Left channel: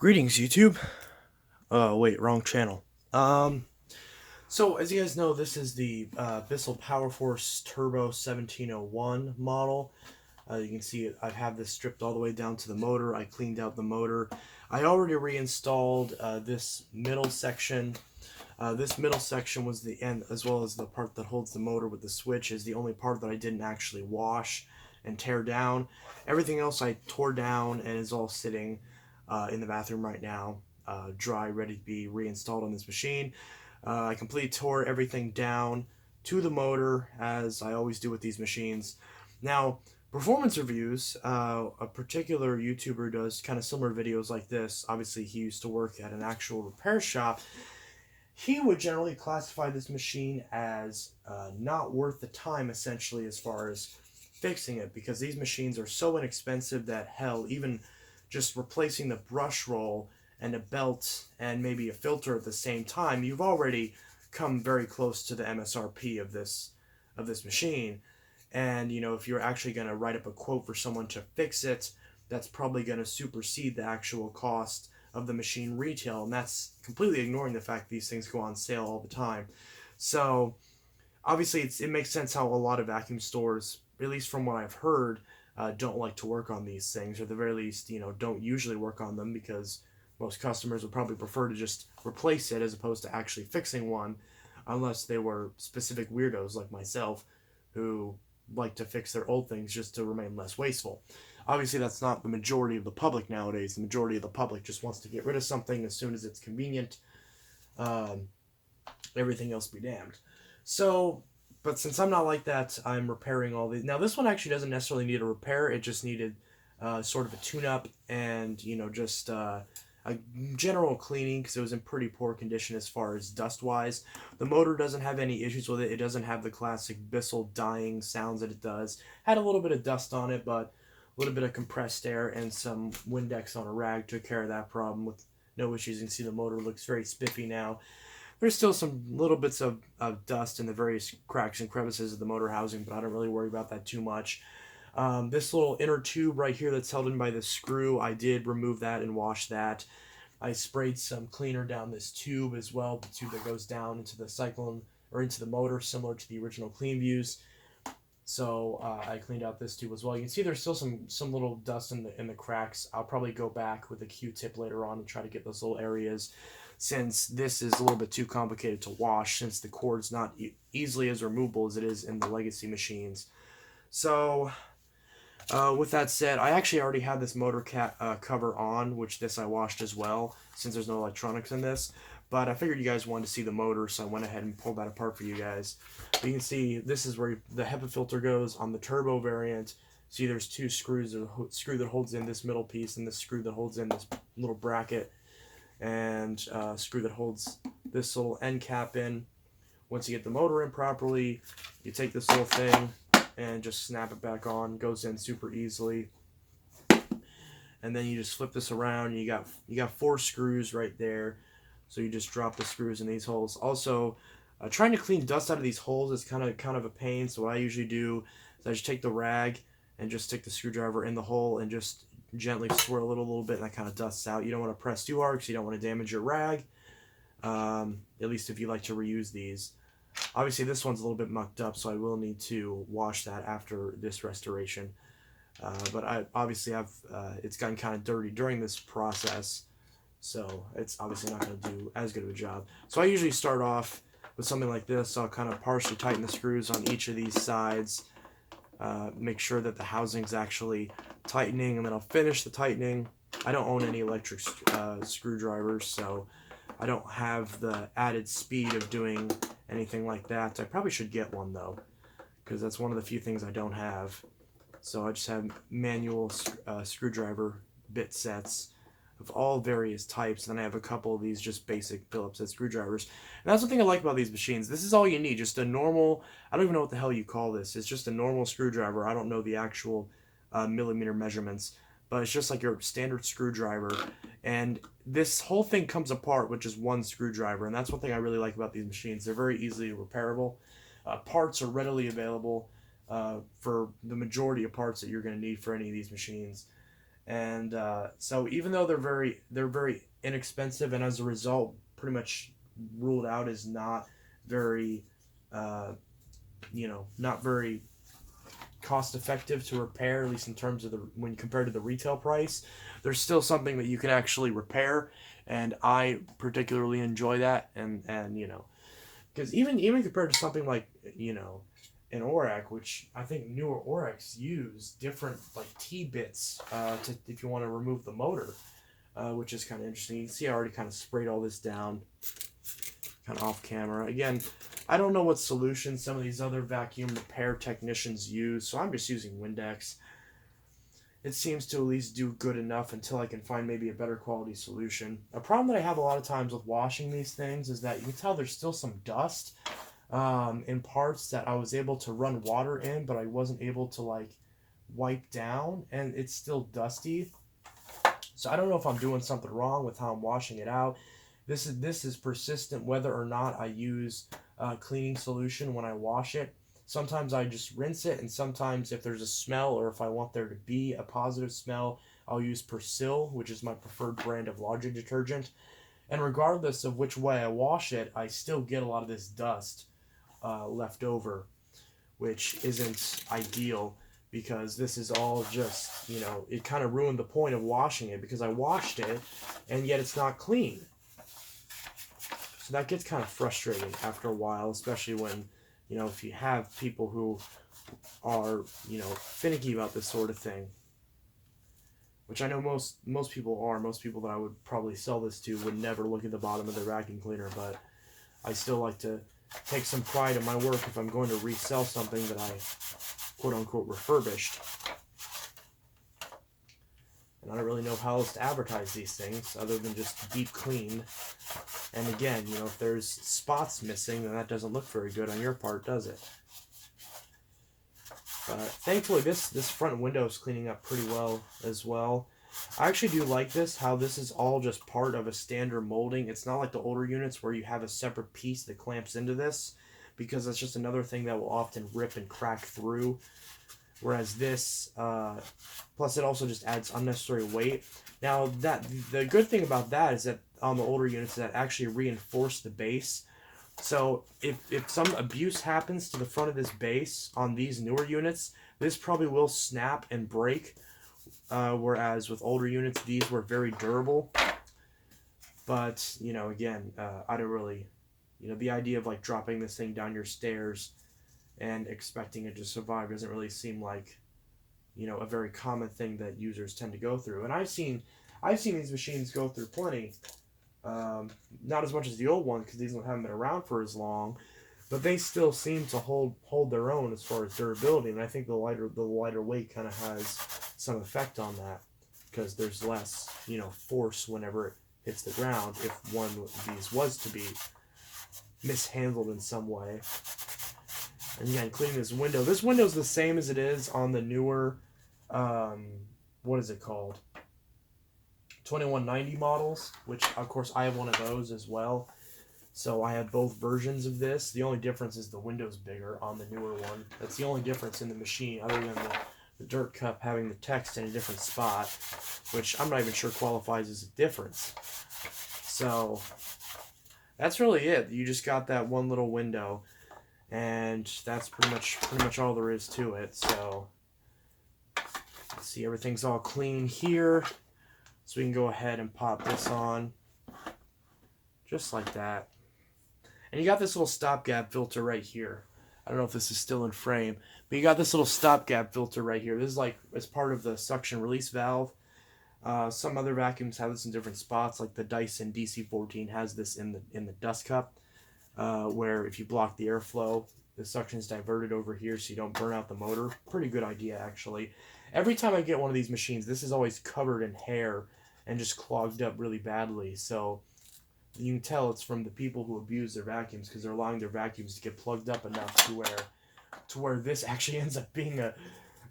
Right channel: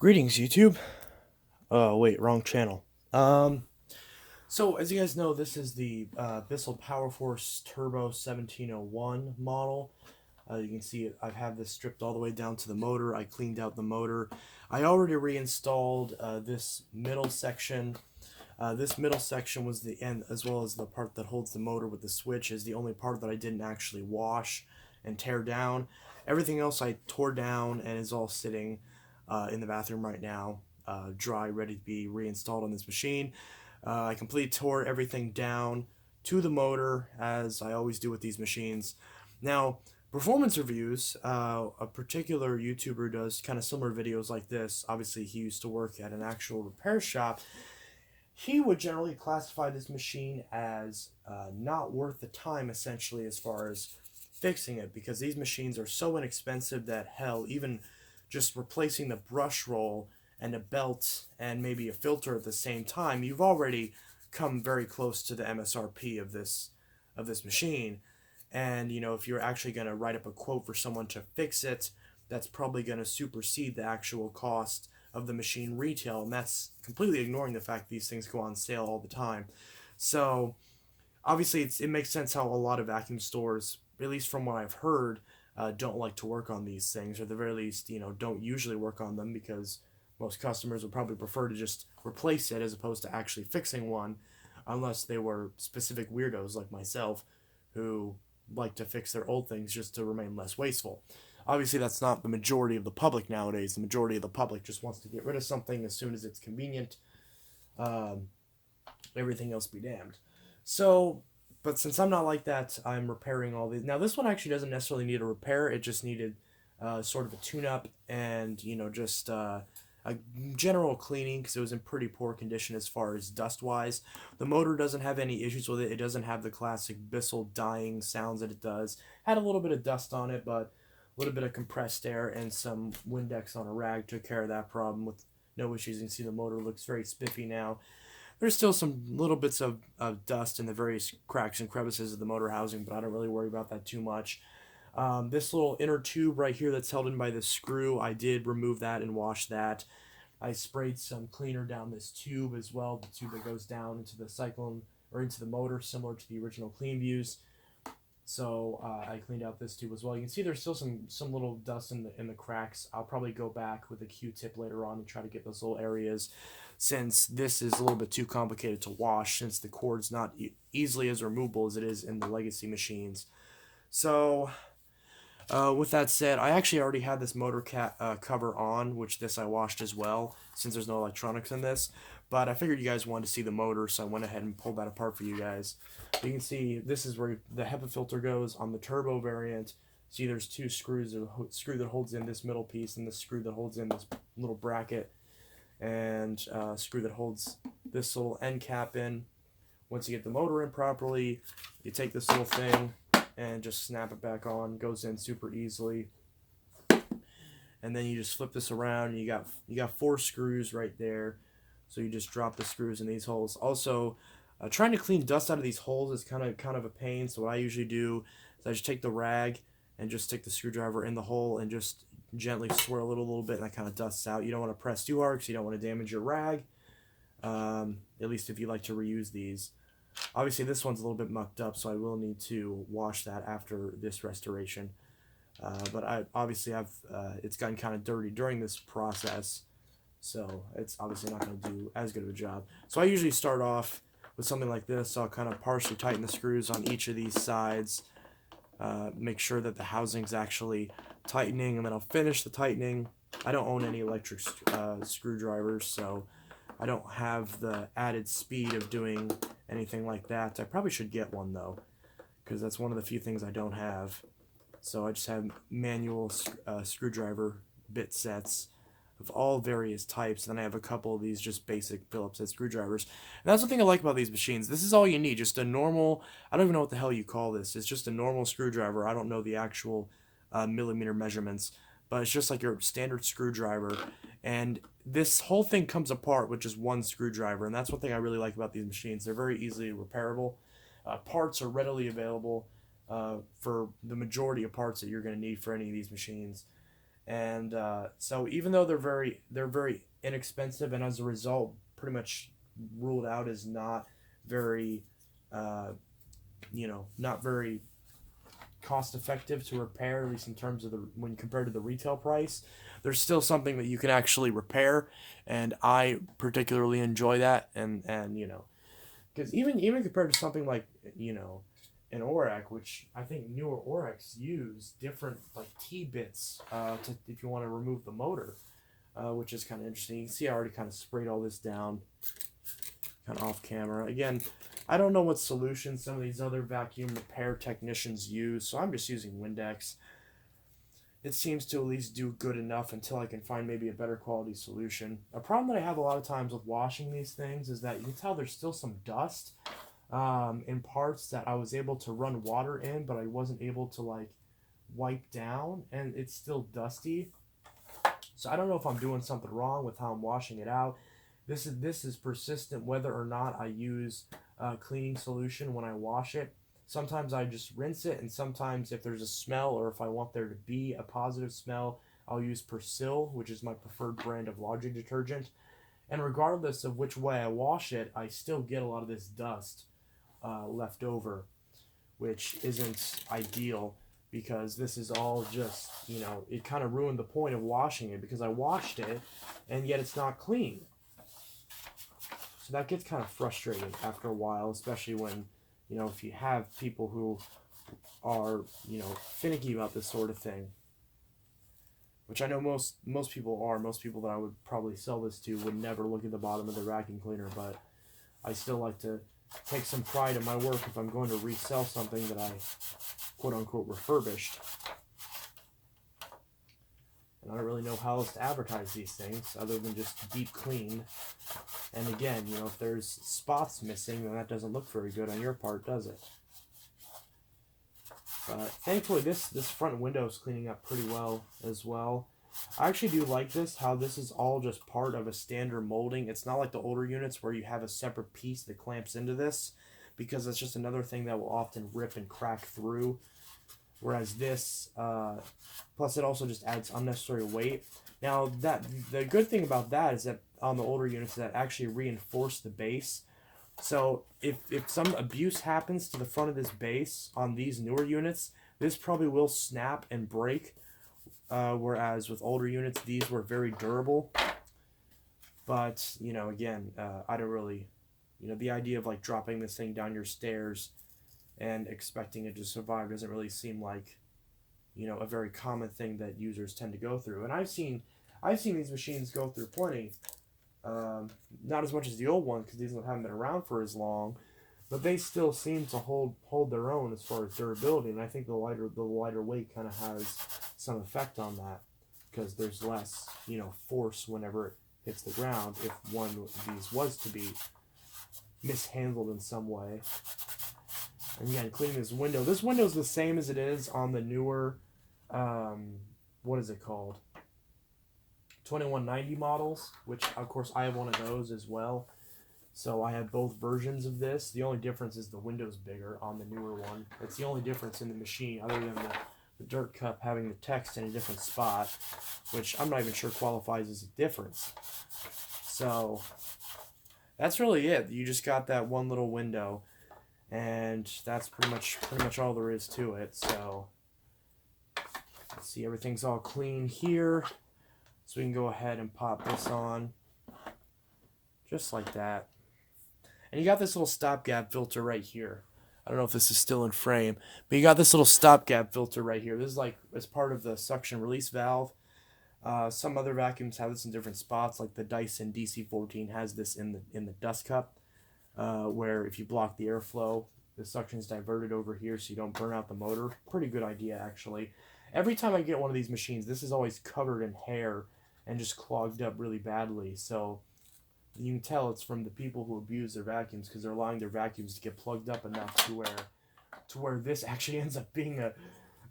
Greetings, YouTube. Wait, wrong channel. So as you guys know, this is the Bissell PowerForce Turbo 1701 model. You can see I have this stripped all the way down to the motor. I cleaned out the motor. I already reinstalled this middle section. This middle section was the end, as well as the part that holds the motor with the switch, is the only part that I didn't actually wash and tear down. Everything else I tore down and is all sitting in the bathroom right now, dry, ready to be reinstalled on this machine. I completely tore everything down to the motor, as I always do with these machines. Now, performance reviews, a particular YouTuber does kind of similar videos like this. Obviously, he used to work at an actual repair shop. He would generally classify this machine as not worth the time, essentially, as far as fixing it, because these machines are so inexpensive that, hell, even just replacing the brush roll and a belt and maybe a filter at the same time, you've already come very close to the MSRP of this machine. And you know, if you're actually going to write up a quote for someone to fix it, that's probably going to supersede the actual cost of the machine retail, and that's completely ignoring the fact these things go on sale all the time. So obviously it makes sense how a lot of vacuum stores, at least from what I've heard, don't like to work on these things, or at the very least, you know, don't usually work on them, because most customers would probably prefer to just replace it as opposed to actually fixing one, unless they were specific weirdos like myself who like to fix their old things just to remain less wasteful. Obviously, that's not the majority of the public nowadays. The majority of the public just wants to get rid of something as soon as it's convenient. Um, Everything else be damned. So, but since I'm not like that, I'm repairing all these. Now, this one actually doesn't necessarily need a repair. It just needed sort of a tune-up and, you know, just a general cleaning, because it was in pretty poor condition as far as dust-wise. The motor doesn't have any issues with it. It doesn't have the classic Bissell dying sounds that it does. Had a little bit of dust on it, but a little bit of compressed air and some Windex on a rag took care of that problem with no issues. You can see the motor looks very spiffy now. There's still some little bits of dust in the various cracks and crevices of the motor housing, but I don't really worry about that too much. This little inner tube right here that's held in by the screw, I did remove that and wash that. I sprayed some cleaner down this tube as well, the tube that goes down into the Cyclone, or into the motor, similar to the original Clean Views. So I cleaned out this tube as well. You can see there's still some little dust in the cracks. I'll probably go back with a Q-tip later on and try to get those little areas, since this is a little bit too complicated to wash, since the cord's not easily as removable as it is in the legacy machines. So with that said, I actually already had this motor cover on, which this I washed as well, since there's no electronics in this. But I figured you guys wanted to see the motor, so I went ahead and pulled that apart for you guys. You can see this is where the Hepa filter goes on the turbo variant. See, there's two screws: a screw that holds in this middle piece, and this screw that holds in this little bracket, and a screw that holds this little end cap in. Once you get the motor in properly, you take this little thing and just snap it back on. Goes in super easily. And then you just flip this around. You got 4 screws right there. So you just drop the screws in these holes. Also, trying to clean dust out of these holes is kind of a pain. So what I usually do is I just take the rag and just stick the screwdriver in the hole and just gently swirl it a little bit, and that kind of dusts out. You don't want to press too hard because you don't want to damage your rag. At least if you like to reuse these. Obviously, this one's a little bit mucked up, so I will need to wash that after this restoration. But it's gotten kind of dirty during this process, so it's obviously not going to do as good of a job. So I usually start off with something like this. I'll kind of partially tighten the screws on each of these sides, make sure that the housing's actually tightening, and then I'll finish the tightening. I don't own any electric screwdrivers, so I don't have the added speed of doing anything like that. I probably should get one, though, because that's one of the few things I don't have. So I just have manual screwdriver bit sets of all various types, and then I have a couple of these just basic Phillips head screwdrivers. And that's the thing I like about these machines. This is all you need, just a normal, I don't even know what the hell you call this. It's just a normal screwdriver. I don't know the actual millimeter measurements, but it's just like your standard screwdriver. And this whole thing comes apart with just one screwdriver, and that's one thing I really like about these machines. They're very easily repairable. Parts are readily available for the majority of parts that you're going to need for any of these machines. And so even though they're very inexpensive, and as a result pretty much ruled out as not very not very cost effective to repair, at least in terms of when compared to the retail price, there's still something that you can actually repair, and I particularly enjoy that. And because even compared to something like an Orac, which I think newer Oracs use different like T-bits to if you want to remove the motor, which is kind of interesting. You can see I already kind of sprayed all this down kind of off camera. Again, I don't know what solution some of these other vacuum repair technicians use, so I'm just using Windex. It seems to at least do good enough until I can find maybe a better quality solution. A problem that I have a lot of times with washing these things is that you can tell there's still some dust in parts that I was able to run water in, but I wasn't able to like wipe down, and it's still dusty. So I don't know if I'm doing something wrong with how I'm washing it out. This is persistent whether or not I use cleaning solution when I wash it. Sometimes I just rinse it, and sometimes if there's a smell or if I want there to be a positive smell, I'll use Persil, which is my preferred brand of laundry detergent. And regardless of which way I wash it, I still get a lot of this dust left over, which isn't ideal, because this is all just, it kind of ruined the point of washing it, because I washed it and yet it's not clean. So that gets kind of frustrating after a while, especially when, if you have people who are, finicky about this sort of thing, which I know most people are. Most people that I would probably sell this to would never look at the bottom of their vacuum cleaner, but I still like to take some pride in my work if I'm going to resell something that I quote-unquote refurbished. And I don't really know how else to advertise these things other than just deep clean. And again, if there's spots missing, then that doesn't look very good on your part, does it? But thankfully, this front window is cleaning up pretty well as well. I actually do like this, how this is all just part of a standard molding. It's not like the older units where you have a separate piece that clamps into this, because that's just another thing that will often rip and crack through. Whereas this, plus it also just adds unnecessary weight. Now, the good thing about that is that on the older units, that actually reinforce the base. So if some abuse happens to the front of this base on these newer units, this probably will snap and break. Whereas with older units, these were very durable. But, again, I don't really, the idea of like dropping this thing down your stairs and expecting it to survive doesn't really seem like, a very common thing that users tend to go through. And I've seen these machines go through plenty. Not as much as the old one, because these haven't been around for as long, but they still seem to hold their own as far as durability. And I think the lighter weight kind of has some effect on that, because there's less force whenever it hits the ground if one of these was to be mishandled in some way. And again, cleaning this window. This window is the same as it is on the newer, what is it called? 2190 models, which of course I have one of those as well. So I have both versions of this. The only difference is the window's bigger on the newer one. That's the only difference in the machine, other than the dirt cup having the text in a different spot, which I'm not even sure qualifies as a difference. So that's really it. You just got that one little window, and that's pretty much all there is to it. So let's see, everything's all clean here. So we can go ahead and pop this on, just like that. And you got this little stopgap filter right here. I don't know if this is still in frame, but you got this little stopgap filter right here. This is like as part of the suction release valve. Some other vacuums have this in different spots, like the Dyson DC14 has this in the dust cup, where if you block the airflow, the suction is diverted over here so you don't burn out the motor. Pretty good idea, actually. Every time I get one of these machines, this is always covered in hair and just clogged up really badly. So you can tell it's from the people who abuse their vacuums, because they're allowing their vacuums to get plugged up enough to where this actually ends up being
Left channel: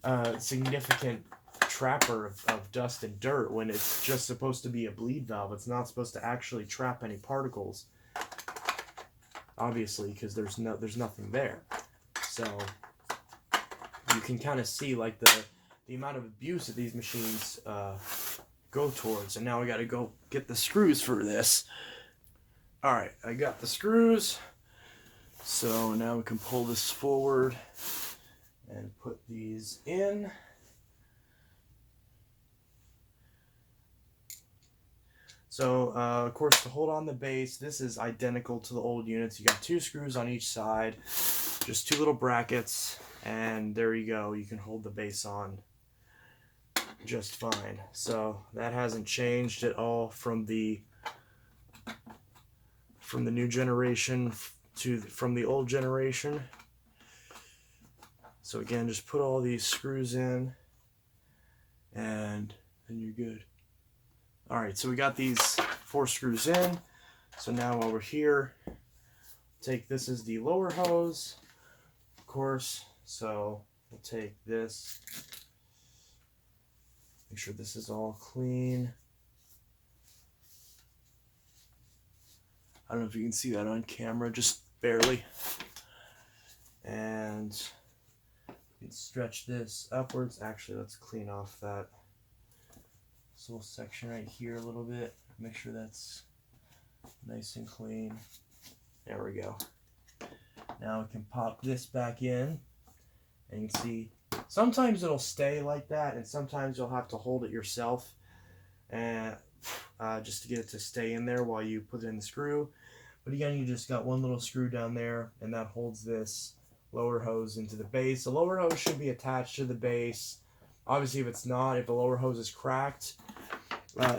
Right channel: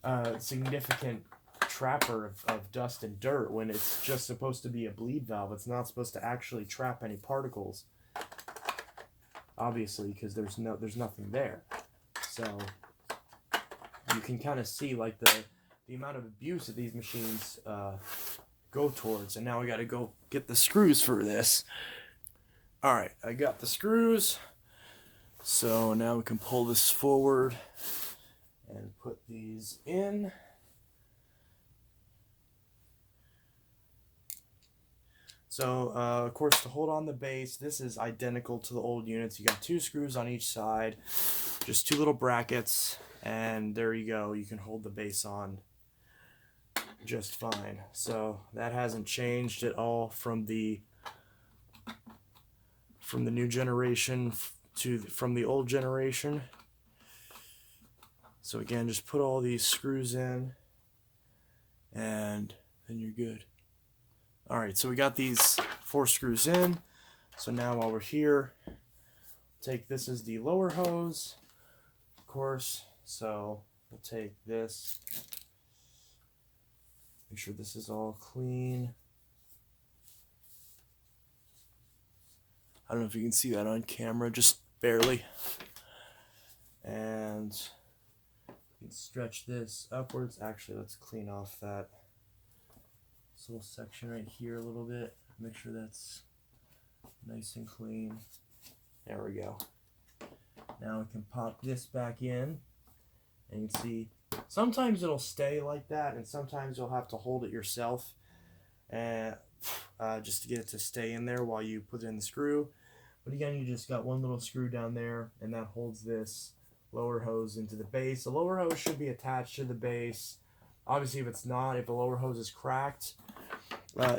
a significant trapper of dust and dirt, when it's just supposed to be a bleed valve. It's not supposed to actually trap any particles, obviously, because there's nothing there. So you can kind of see like the the amount of abuse that these machines go towards. And now we got to go get the screws for this. All right, I got the screws. So now we can pull this forward and put these in. So, of course, to hold on the base, this is identical to the old units. You got 2 screws on each side, just 2 little brackets, and there you go. You can hold the base on just fine. So that hasn't changed at all from the new generation from the old generation. So again, just put all these screws in, and then you're good. All right, so we got these 4 screws in. So now while we're here, this is the lower hose, of course. So we'll take this, make sure this is all clean. I don't know if you can see that on camera, just barely. And you can stretch this upwards. Actually, let's clean off that little section right here a little bit. Make sure that's nice and clean. There we go. Now we can pop this back in, and you can see sometimes it'll stay like that, and sometimes you'll have to hold it yourself and just to get it to stay in there while you put it in the screw. But again, you just got one little screw down there, and that holds this lower hose into the base. The lower hose should be attached to the base. Obviously, if it's not, if the lower hose is cracked,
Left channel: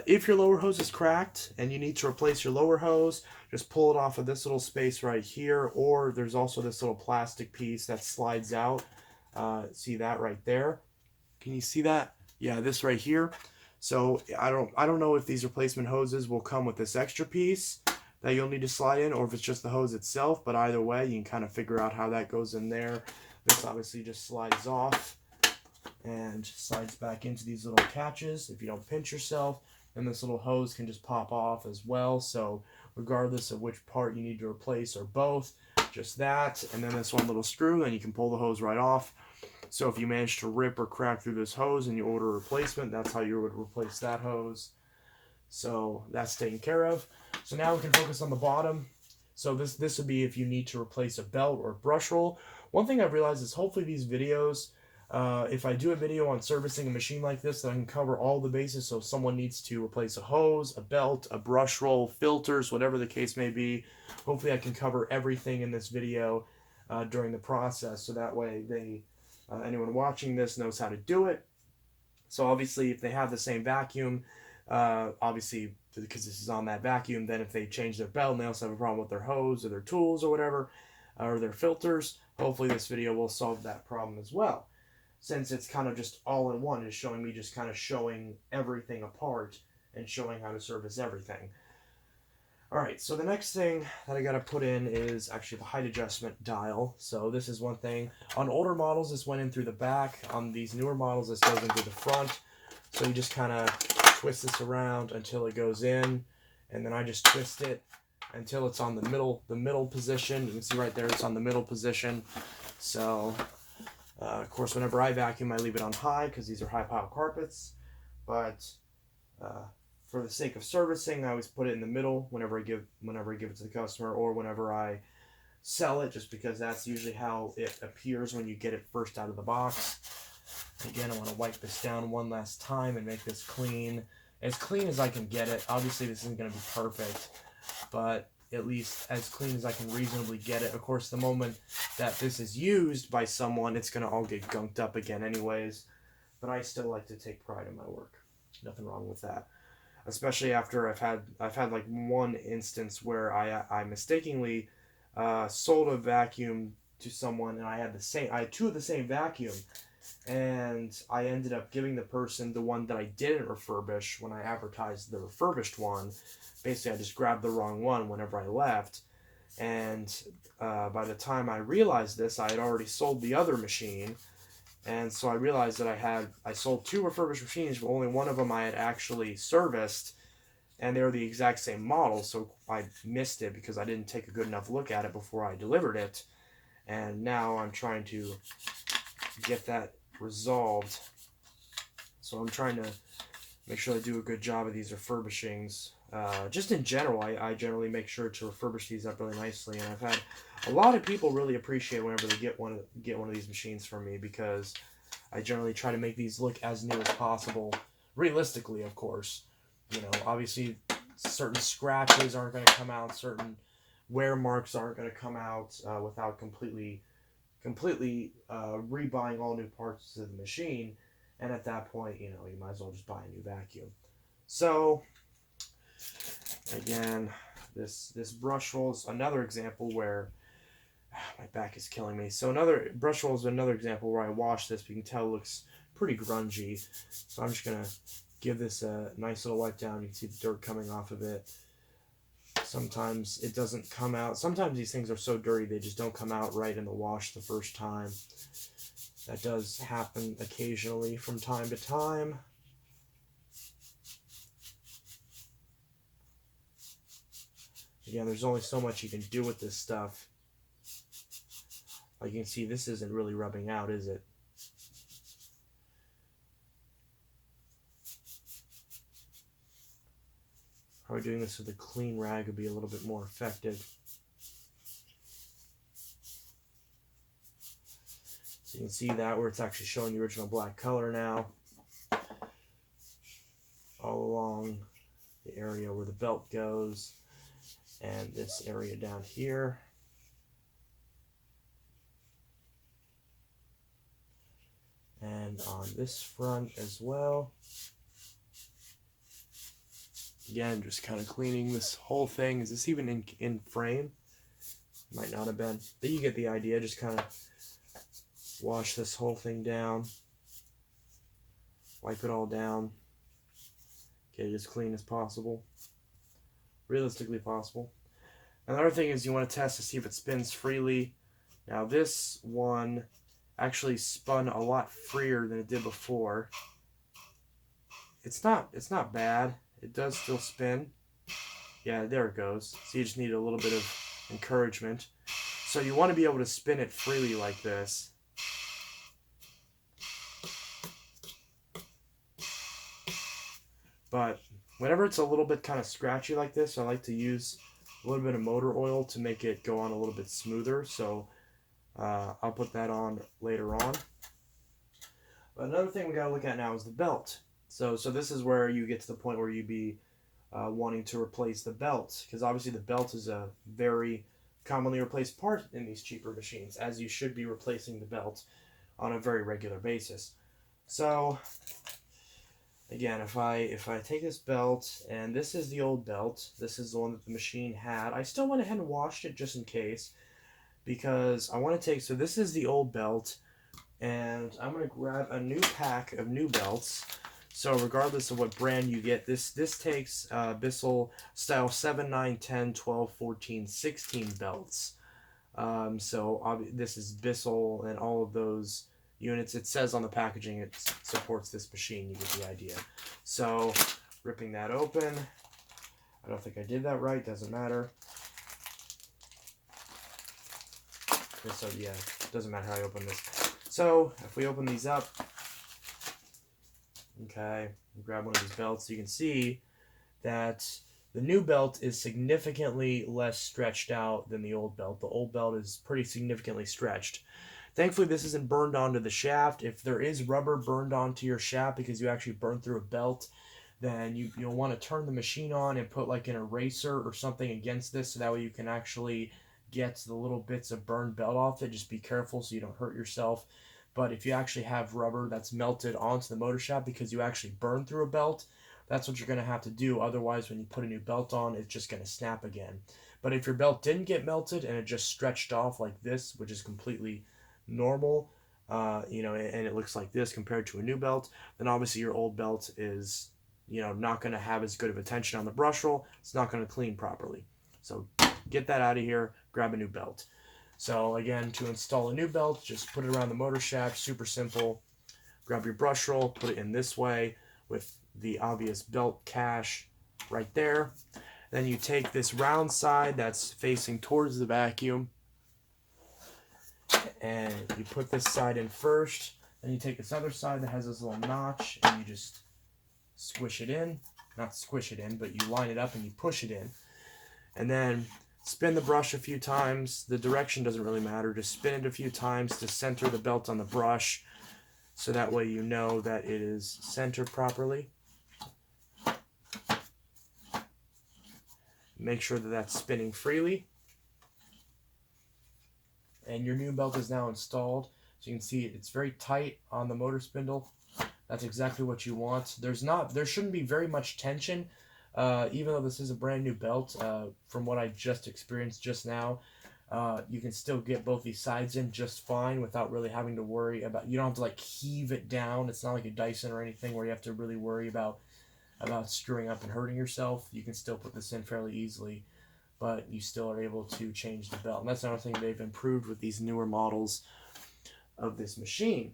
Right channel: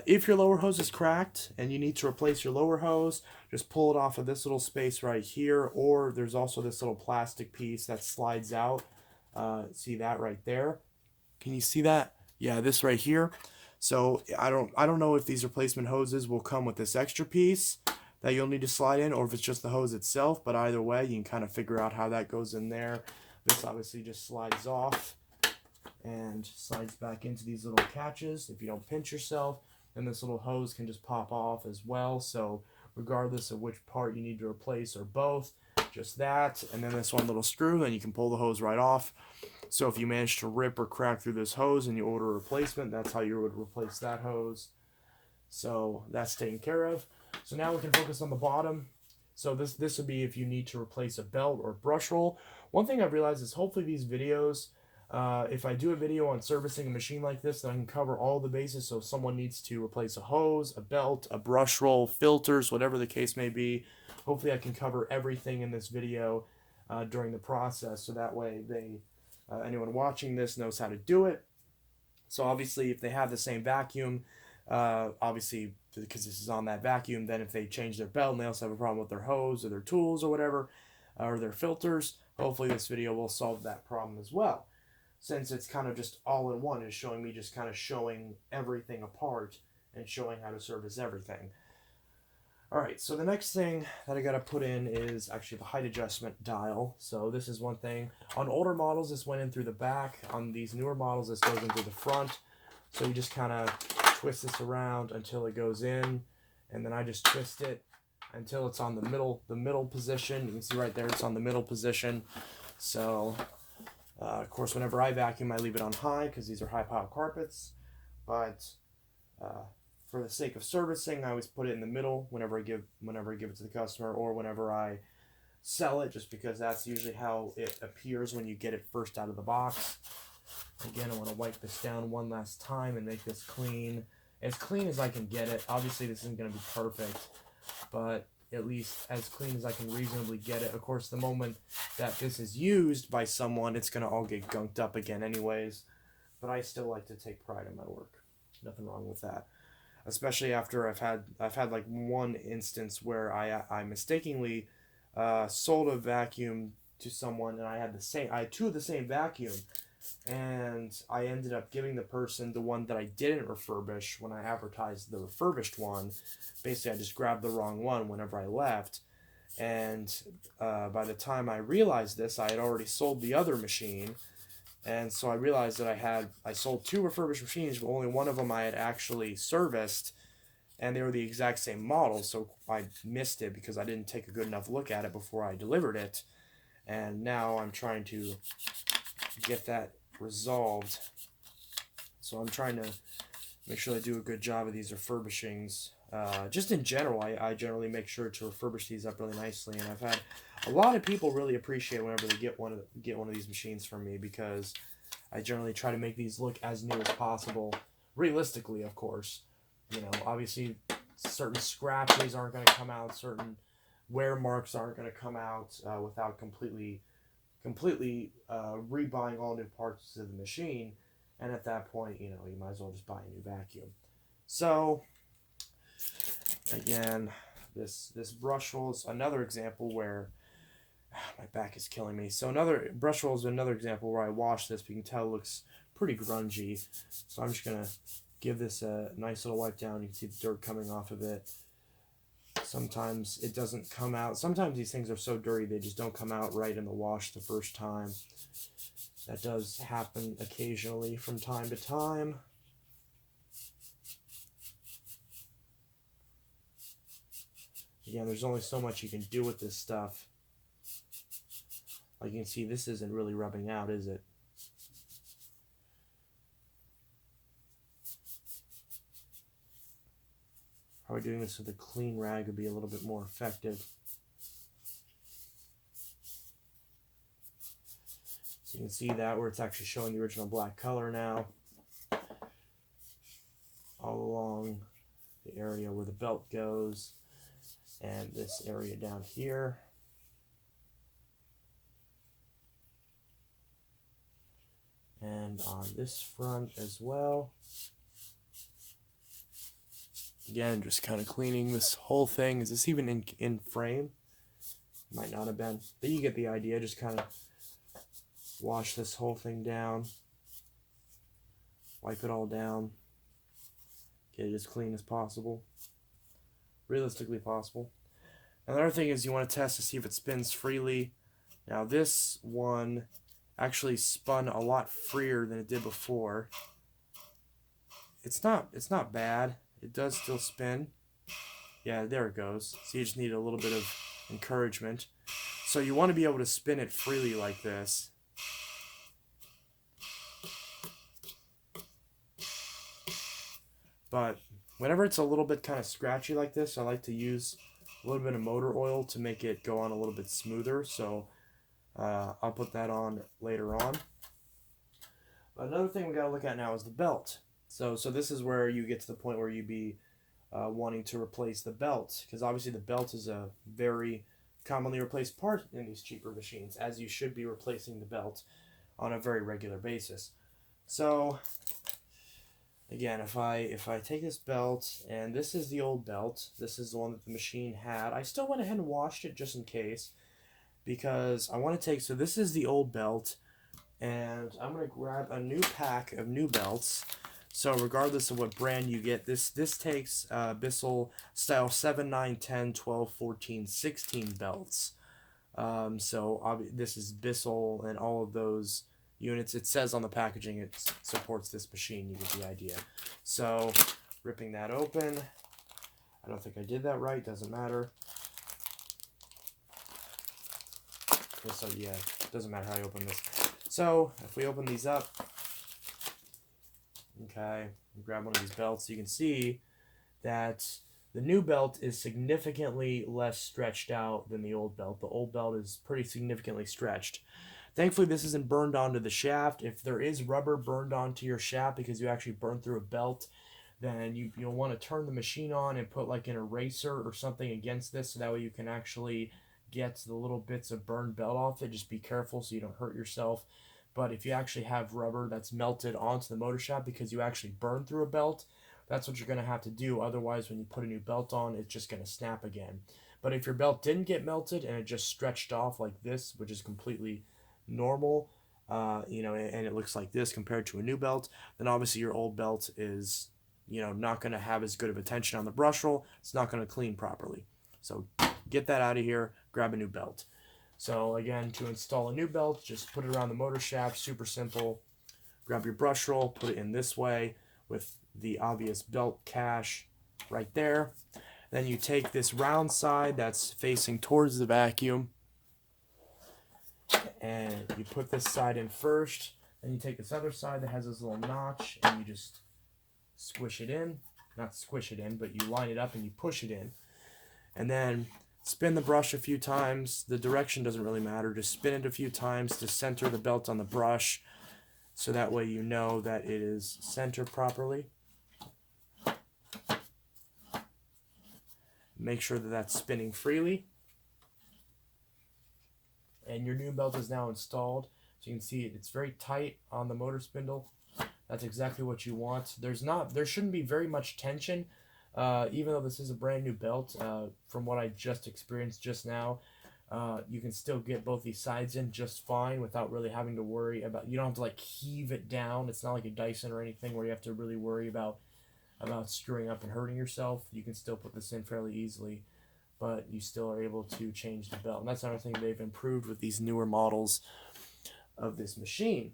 if your lower hose is cracked and you need to replace your lower hose, just pull it off of this little space right here, or there's also this little plastic piece that slides out. See that right there? Can you see that? Yeah, this right here. So I don't know if these replacement hoses will come with this extra piece that you'll need to slide in, or if it's just the hose itself. But either way, you can kind of figure out how that goes in there. This obviously just slides off and slides back into these little catches. If you don't pinch yourself, then this little hose can just pop off as well. So regardless of which part you need to replace or both, just that, and then this one little screw, and you can pull the hose right off. So if you manage to rip or crack through this hose and you order a replacement, that's how you would replace that hose. So that's taken care of. So now we can focus on the bottom. So this would be if you need to replace a belt or brush roll. One thing I've realized is hopefully these videos, if I do a video on servicing a machine like this, then I can cover all the bases. So if someone needs to replace a hose, a belt, a brush roll, filters, whatever the case may be, hopefully I can cover everything in this video during the process. So that way anyone watching this knows how to do it. So obviously if they have the same vacuum, obviously because this is on that vacuum, then if they change their belt and they also have a problem with their hose or their tools or whatever, or their filters, hopefully this video will solve that problem as well. Since it's kind of just all in one, is showing me just kind of showing everything apart and showing how to service everything. Alright, so the next thing that I got to put in is actually the height adjustment dial. So this is one thing. On older models, this went in through the back. On these newer models, this goes in through the front. So you just kind of twist this around until it goes in, and then I just twist it until it's on the middle position. You can see right there, it's on the middle position. So of course, whenever I vacuum, I leave it on high because these are high pile carpets. But for the sake of servicing, I always put it in the middle whenever I give it to the customer, or whenever I sell it, just because that's usually how it appears when you get it first out of the box. Again, I want to wipe this down one last time and make this clean as I can get it. Obviously, this isn't going to be perfect, but at least as clean as I can reasonably get it. Of course, the moment that this is used by someone, it's going to all get gunked up again anyways. But I still like to take pride in my work. Nothing wrong with that. Especially after I've had like one instance where I mistakenly sold a vacuum to someone, and I had 2 of the same vacuum, and I ended up giving the person the one that I didn't refurbish when I advertised the refurbished one. Basically, I just grabbed the wrong one whenever I left, and by the time I realized this, I had already sold the other machine. And so I realized that I sold 2 refurbished machines, but only one of them I had actually serviced, and they were the exact same model, so I missed it because I didn't take a good enough look at it before I delivered it. And now I'm trying to get that resolved So I'm trying to make sure I do a good job of these refurbishings. Just in general, I generally make sure to refurbish these up really nicely, and I've had a lot of people really appreciate whenever they get one of these machines from me, because I generally try to make these look as new as possible, realistically, of course. You know, obviously, certain scratches aren't going to come out, certain wear marks aren't going to come out without completely rebuying all new parts to the machine. And at that point, you know, you might as well just buy a new vacuum. So, again, this brush roll is another example where my back is killing me. So another brush roll is another example where I wash this, but you can tell it looks pretty grungy. So I'm just gonna give this a nice little wipe down. You can see the dirt coming off of it. Sometimes it doesn't come out. Sometimes these things are so dirty they just don't come out right in the wash the first time. That does happen occasionally from time to time. Again, there's only so much you can do with this stuff. Like you can see, this isn't really rubbing out, is it? Probably doing this with a clean rag would be a little bit more effective. So you can see that where it's actually showing the original black color now. All along the area where the belt goes. And this area down here. And on this front as well. Again, just kind of cleaning this whole thing. Is this even in frame? Might not have been. But you get the idea. Just kind of wash this whole thing down. Wipe it all down. Get it as clean as possible. Realistically possible. Another thing is you want to test to see if it spins freely. Now this one actually spun a lot freer than it did before. It's not bad. It does still spin. Yeah, there it goes. So you just need a little bit of encouragement. So you want to be able to spin it freely like this. But whenever it's a little bit kind of scratchy like this, I like to use a little bit of motor oil to make it go on a little bit smoother. So I'll put that on later on. But another thing we got to look at now is the belt. So this is where you get to the point where you'd be wanting to replace the belt, because obviously the belt is a very commonly replaced part in these cheaper machines, as you should be replacing the belt on a very regular basis. So again, if I take this belt, and this is the old belt, this is the one that the machine had. I still went ahead and washed it just in case, because I want to take, so this is the old belt, and I'm going to grab a new pack of new belts. So regardless of what brand you get, this takes Bissell style 7, 9, 10, 12, 14, 16 belts. So this is Bissell and all of those units. It says on the packaging it supports this machine. You get the idea. So ripping that open. I don't think I did that right. Doesn't matter. Okay, so yeah, doesn't matter how I open this. So if we open these up, okay, grab one of these belts, you can see that the new belt is significantly less stretched out than the old belt. The old belt is pretty significantly stretched. Thankfully, this isn't burned onto the shaft. If there is rubber burned onto your shaft because you actually burned through a belt, then you'll want to turn the machine on and put like an eraser or something against this, so that way you can actually get the little bits of burned belt off it. Just be careful so you don't hurt yourself. But if you actually have rubber that's melted onto the motor shaft because you actually burned through a belt, that's what you're going to have to do. Otherwise, when you put a new belt on, it's just going to snap again. But if your belt didn't get melted and it just stretched off like this, which is completely normal, you know, and it looks like this compared to a new belt, then obviously your old belt is, you know, not going to have as good of a tension on the brush roll. It's not going to clean properly. So get that out of here, grab a new belt. So again, to install a new belt, just put it around the motor shaft, super simple. Grab your brush roll, put it in this way with the obvious belt cache right there. Then you take this round side that's facing towards the vacuum, and you put this side in first. Then you take this other side that has this little notch and you just squish it in. Not squish it in, but you line it up and you push it in. And then spin the brush a few times. The direction doesn't really matter. Just spin it a few times to center the belt on the brush, so that way you know that it is centered properly. Make sure that that's spinning freely. And your new belt is now installed. So you can see it's very tight on the motor spindle. That's exactly what you want. There shouldn't be very much tension, even though this is a brand new belt. From what I just experienced just now, you can still get both these sides in just fine without really having to worry about. You don't have to like heave it down. It's not like a Dyson or anything where you have to really worry about screwing up and hurting yourself. You can still put this in fairly easily, but you still are able to change the belt. And that's another thing they've improved with these newer models of this machine.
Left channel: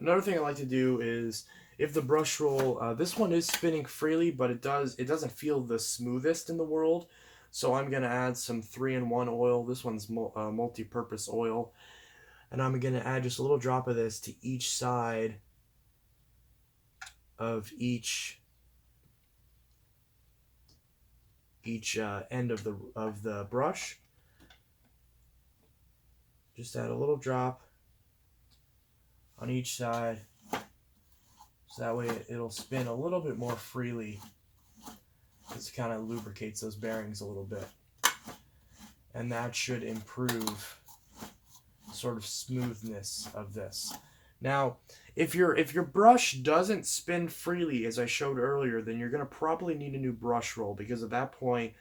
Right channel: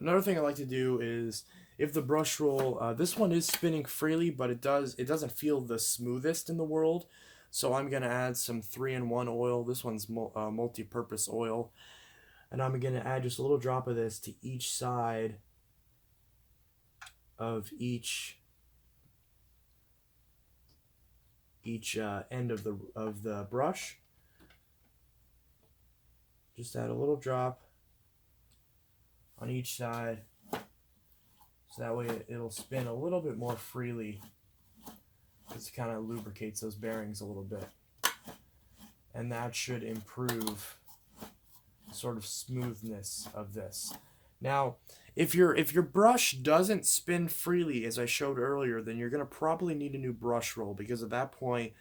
Another thing I like to do is, if the brush roll, this one is spinning freely, but it doesn't feel the smoothest in the world. So I'm going to add some 3-in-1 oil. This one's multi-purpose oil. And I'm going to add just a little drop of this to each side of each end of the brush. Just add a little drop on each side, so that way it'll spin a little bit more freely. This kind of lubricates those bearings a little bit, and that should improve sort of smoothness of this. Now, if your brush doesn't spin freely, as I showed earlier, then you're going to probably need a new brush roll, because at that point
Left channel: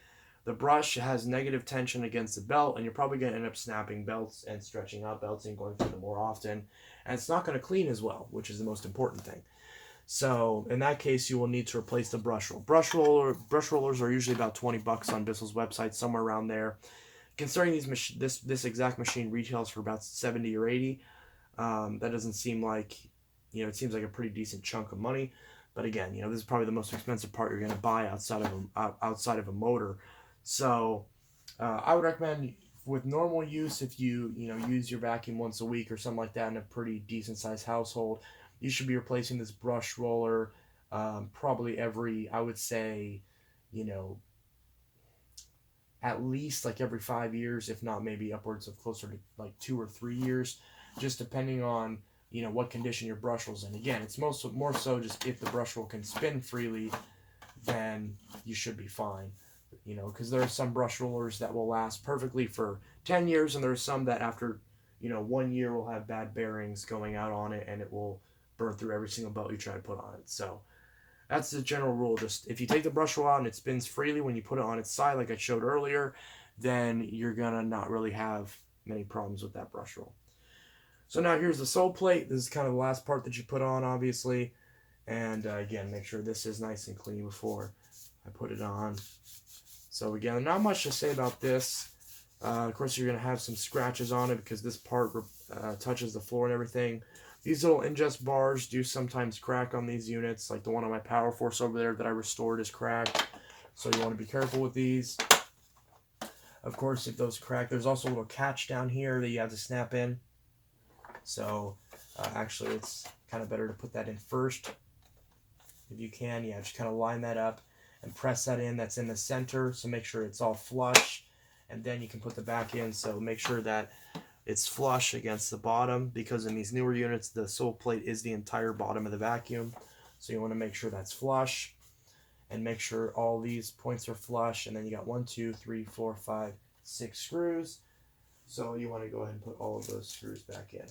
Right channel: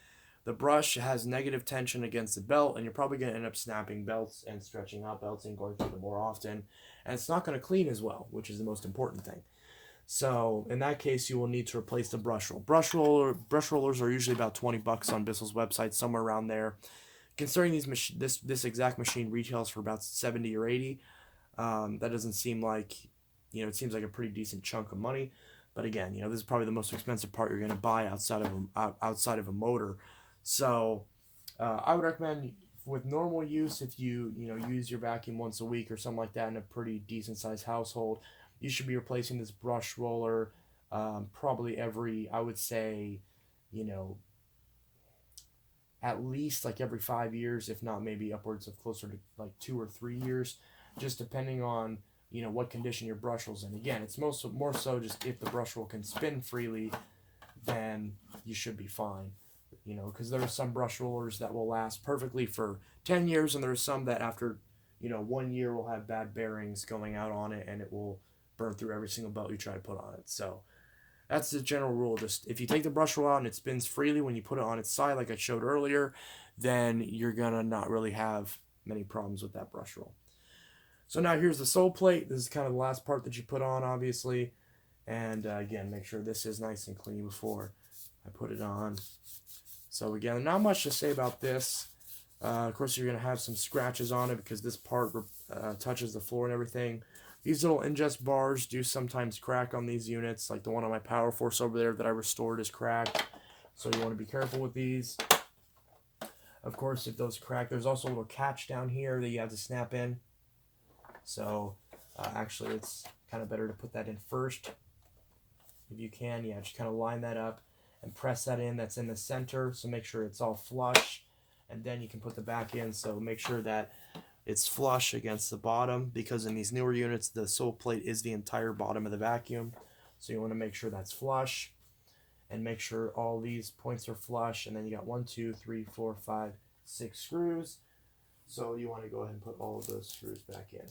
the brush has negative tension against the belt, and you're probably going to end up snapping belts and stretching out belts and going through them more often, and it's not going to clean as well, which is the most important thing. So in that case, you will need to replace the brush roll. Brush rollers are usually about $20 on Bissell's website, somewhere around there. Considering this exact machine retails for about $70 or $80, that doesn't seem like, it seems like a pretty decent chunk of money. But again, this is probably the most expensive part you're going to buy outside of a motor. So I would recommend, with normal use, if you use your vacuum once a week or something like that in a pretty decent sized household, you should be replacing this brush roller probably every, I would say, at least like every 5 years, if not maybe upwards of closer to like 2 or 3 years, just depending on what condition your brush roll's in. Again, it's more so just if the brush roll can spin freely, then you should be fine. Because there are some brush rollers that will last perfectly for 10 years, and there are some that after 1 year will have bad bearings going out on it, and it will burn through every single belt you try to put on it. So that's the general rule. Just if you take the brush roll out and it spins freely when you put it on its side, like I showed earlier, then you're gonna not really have many problems with that brush roll. So now here's the Soleplate. This is kind of the last part that you put on, obviously. And again, make sure this is nice and clean before I put it on. So again, not much to say about this. Of course, you're going to have some scratches on it because this part touches the floor and everything. These little ingest bars do sometimes crack on these units, like the one on my PowerForce over there that I restored is cracked. So you want to be careful with these. Of course, if those crack, there's also a little catch down here that you have to snap in. So actually, it's kind of better to put that in first. If you can, yeah, just kind of line that up and press that in. That's in the center, so make sure it's all flush. And then you can put the back in, so make sure that it's flush against the bottom, because in these newer units, the Soleplate is the entire bottom of the vacuum. So you want to make sure that's flush, and make sure all these points are flush. And then you got 1, 2, 3, 4, 5, 6 screws. So you want to go ahead and put all of those screws back in.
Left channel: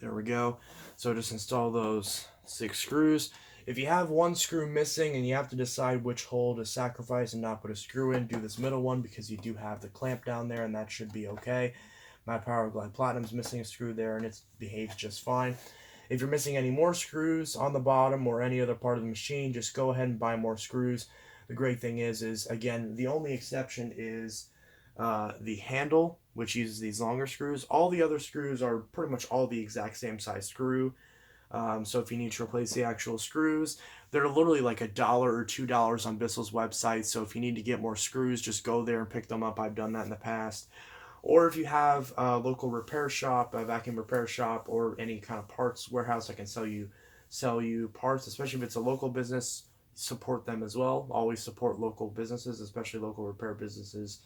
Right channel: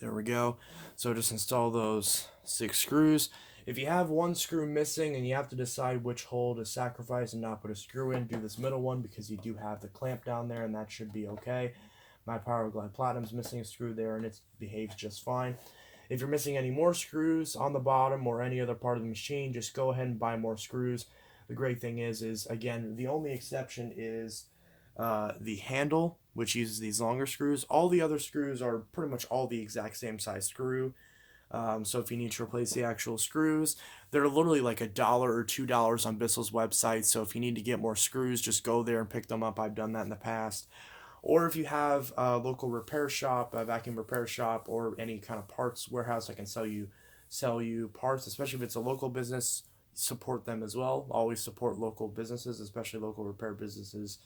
There we go. So just install those 6 screws. If you have one screw missing and you have to decide which hole to sacrifice and not put a screw in, do this middle one, because you do have the clamp down there, and that should be okay. My Power Glide Platinum's missing a screw there, and it behaves just fine. If you're missing any more screws on the bottom or any other part of the machine, just go ahead and buy more screws. The great thing is again, the only exception is the handle, which uses these longer screws. All the other screws are pretty much all the exact same size screw. So if you need to replace the actual screws, they're literally like $1 or $2 on Bissell's website. So if you need to get more screws, just go there and pick them up. I've done that in the past. Or if you have a local repair shop, a vacuum repair shop, or any kind of parts warehouse that can sell you parts, especially if it's a local business, support them as well. Always support local businesses, especially local repair businesses,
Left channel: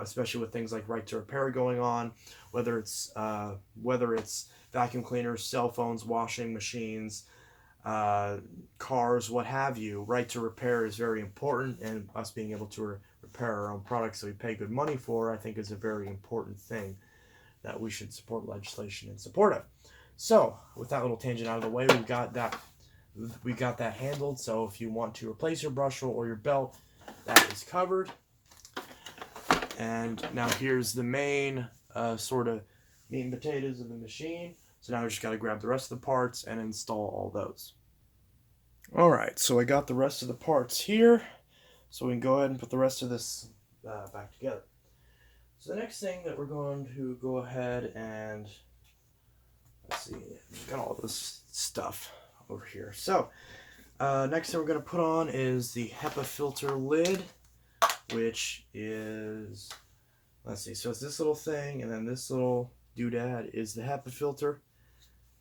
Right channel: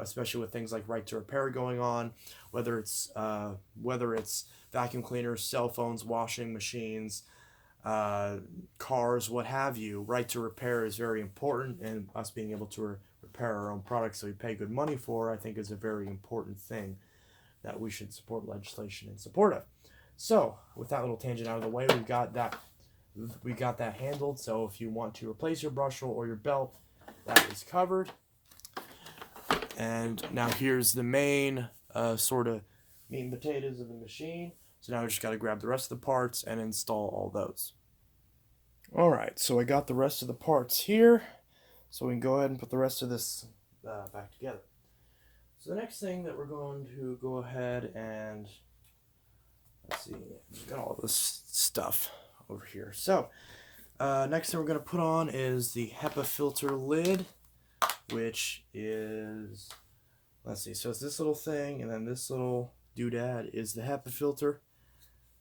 especially with things like right to repair going on, whether it's vacuum cleaners, cell phones, washing machines, cars, what have you. Right to repair is very important, and us being able to repair our own products that we pay good money for, I think, is a very important thing that we should support legislation in support of. So with that little tangent out of the way, we got that handled. So if you want to replace your brush roll or your belt, that is covered. And now here's the main sort of meat and potatoes of the machine. So now I just got to grab the rest of the parts and install all those. Alright, so I got the rest of the parts here. So we can go ahead and put the rest of this back together. So the next thing that we're going to go ahead and, let's see, we've got all this stuff over here. So next thing we're going to put on is the Hepa Filter Lid, which is, let's see, so it's this little thing, and then this little doodad is the Hepa filter,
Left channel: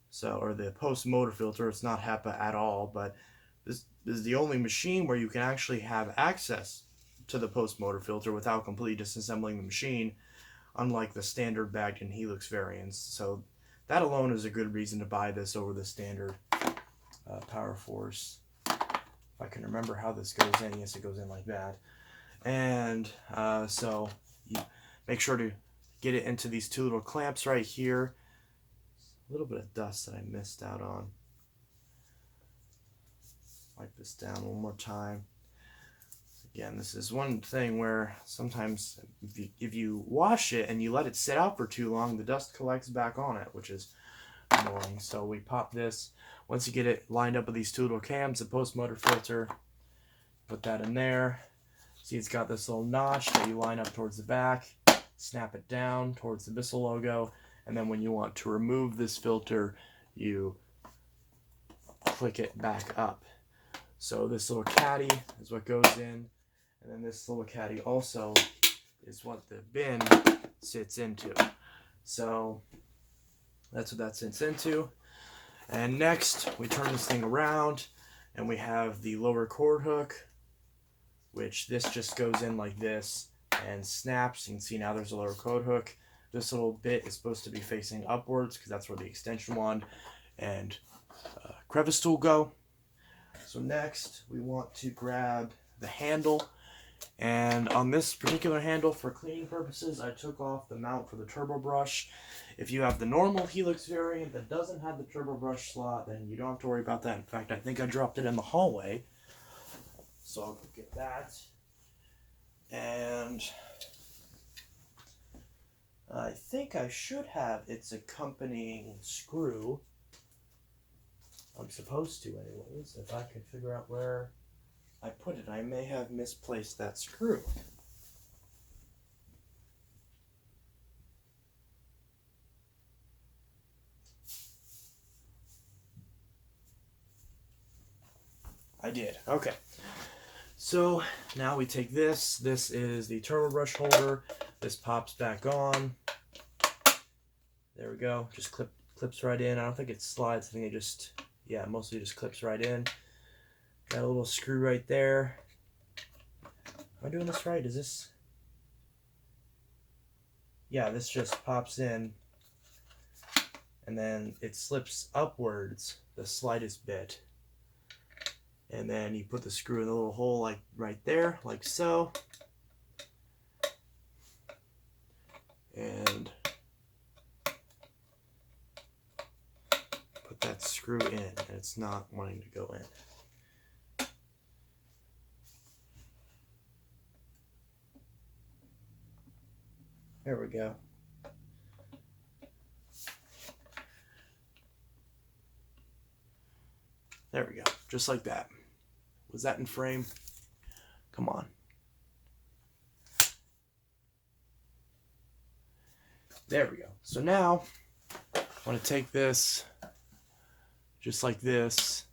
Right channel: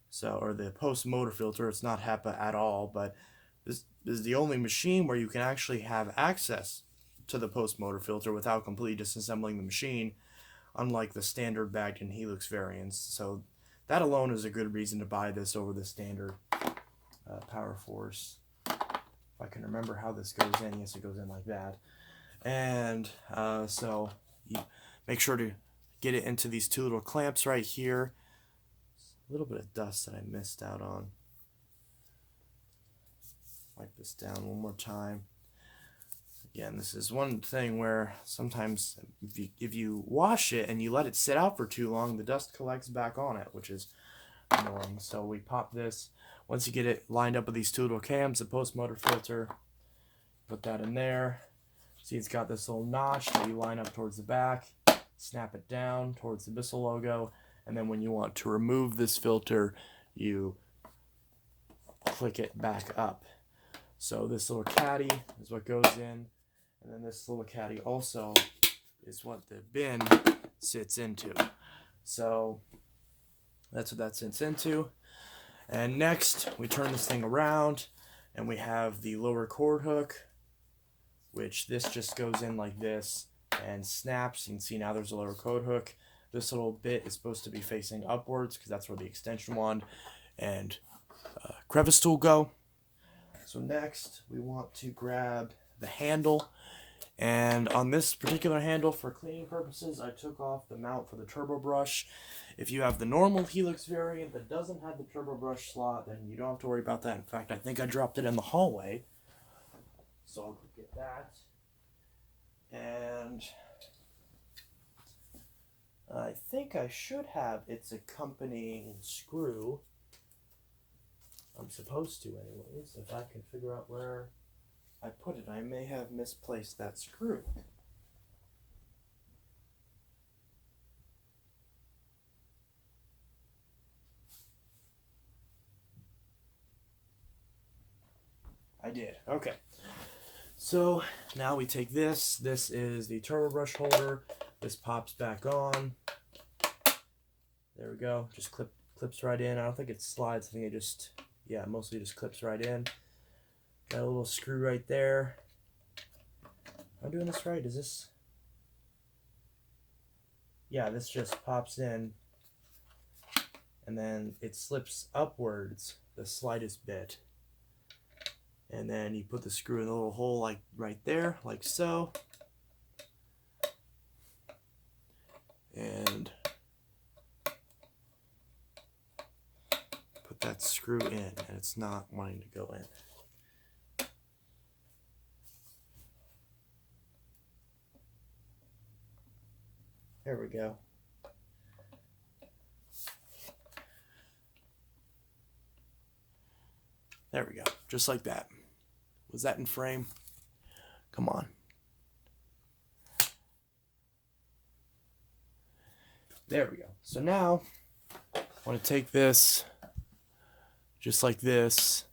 so, or the Premotor filter. It's not Hepa at all, but this is the only machine where you can actually have access to the Premotor filter without completely disassembling the machine, unlike the standard bagged and Helix variants. So that alone is a good reason to buy this over the standard PowerForce. If I can remember how this goes in, yes, it goes in like that. And so you make sure to get it into these two little clamps right here. A little bit of dust that I missed out on. Wipe this down one more time. Again, this is one thing where sometimes if you wash it and you let it sit out for too long, the dust collects back on it, which is annoying. So we pop this. Once you get it lined up with these two little cams, the Premotor filter, put that in there. See, it's got this little notch that you line up towards the back, snap it down towards the Bissell logo, and then when you want to remove this filter, you click it back up. So this little caddy is what goes in, and then this little caddy also is what the bin sits into. So that's what that sits into. And next, we turn this thing around, and we have the lower cord hook, which this just goes in like this and snaps. You can see now there's a lower cord hook. This little bit is supposed to be facing upwards because that's where the extension wand and crevice tool go. So next, we want to grab the handle. And on this particular handle, for cleaning purposes, I took off the mount for the turbo brush. If you have the normal Helix variant that doesn't have the turbo brush slot, then you don't have to worry about that. In fact, I think I dropped it in the hallway. So I'll go get that. And I think I should have its accompanying screw. I'm supposed to anyways. If I can figure out where I put it, I may have misplaced that screw. I did. Okay. So now we take this. This is the turbo brush holder. This pops back on. There we go. Just clips right in. I don't think it slides. I think it just, yeah, mostly just clips right in. Got a little screw right there. Am I doing this right? Is this? Yeah, this just pops in. And then it slips upwards the slightest bit. And then you put the screw in the little hole like right there, like so. And put that screw in, and it's not wanting to go in. There we go. There we go, just like that. Was that in frame? Come on. There we go. So now I want to take this just like this.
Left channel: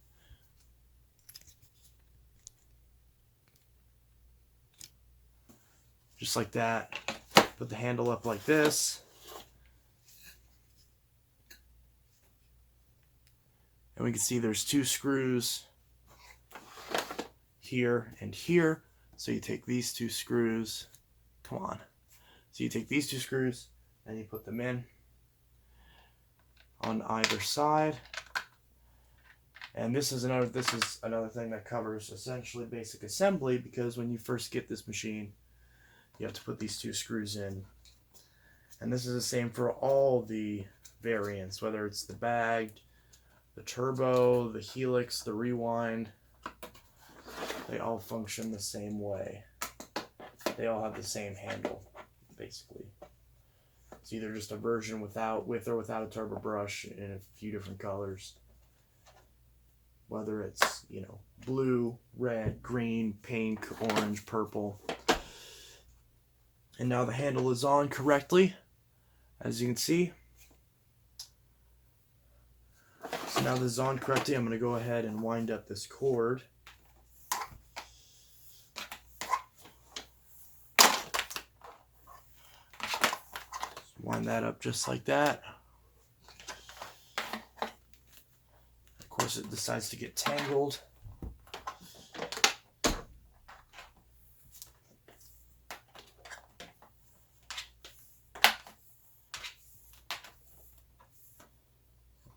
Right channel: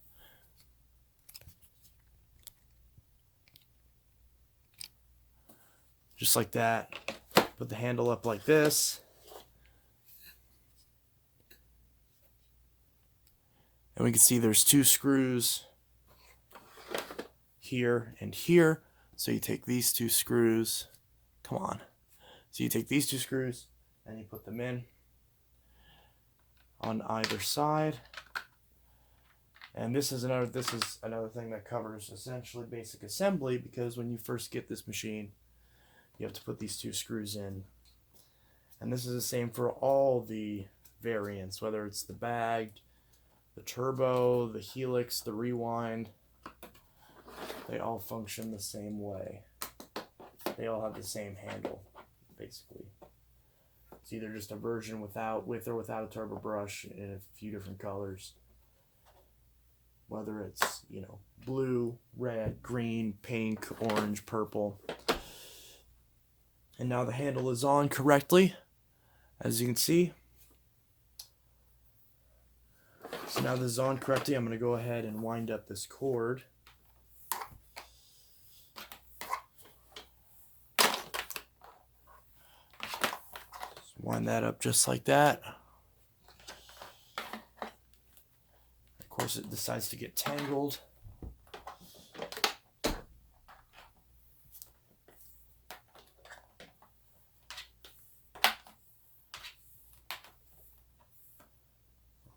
Just like that. Put the handle up like this. And we can see there's 2 screws here and here. So you take these 2 screws. Come on. So you take these 2 screws and you put them in on either side. And this is another thing that covers essentially basic assembly, because when you first get this machine, you have to put these 2 screws in. And this is the same for all the variants, whether it's the bagged, the turbo, the helix, the rewind. They all function the same way. They all have the same handle, basically. It's either just a version with or without a turbo brush in a few different colors. Whether it's, you know, blue, red, green, pink, orange, purple. And now the handle is on correctly, as you can see. So now this is on correctly. I'm going to go ahead and wind up this cord. Wind that up just like that. Of course, it decides to get tangled.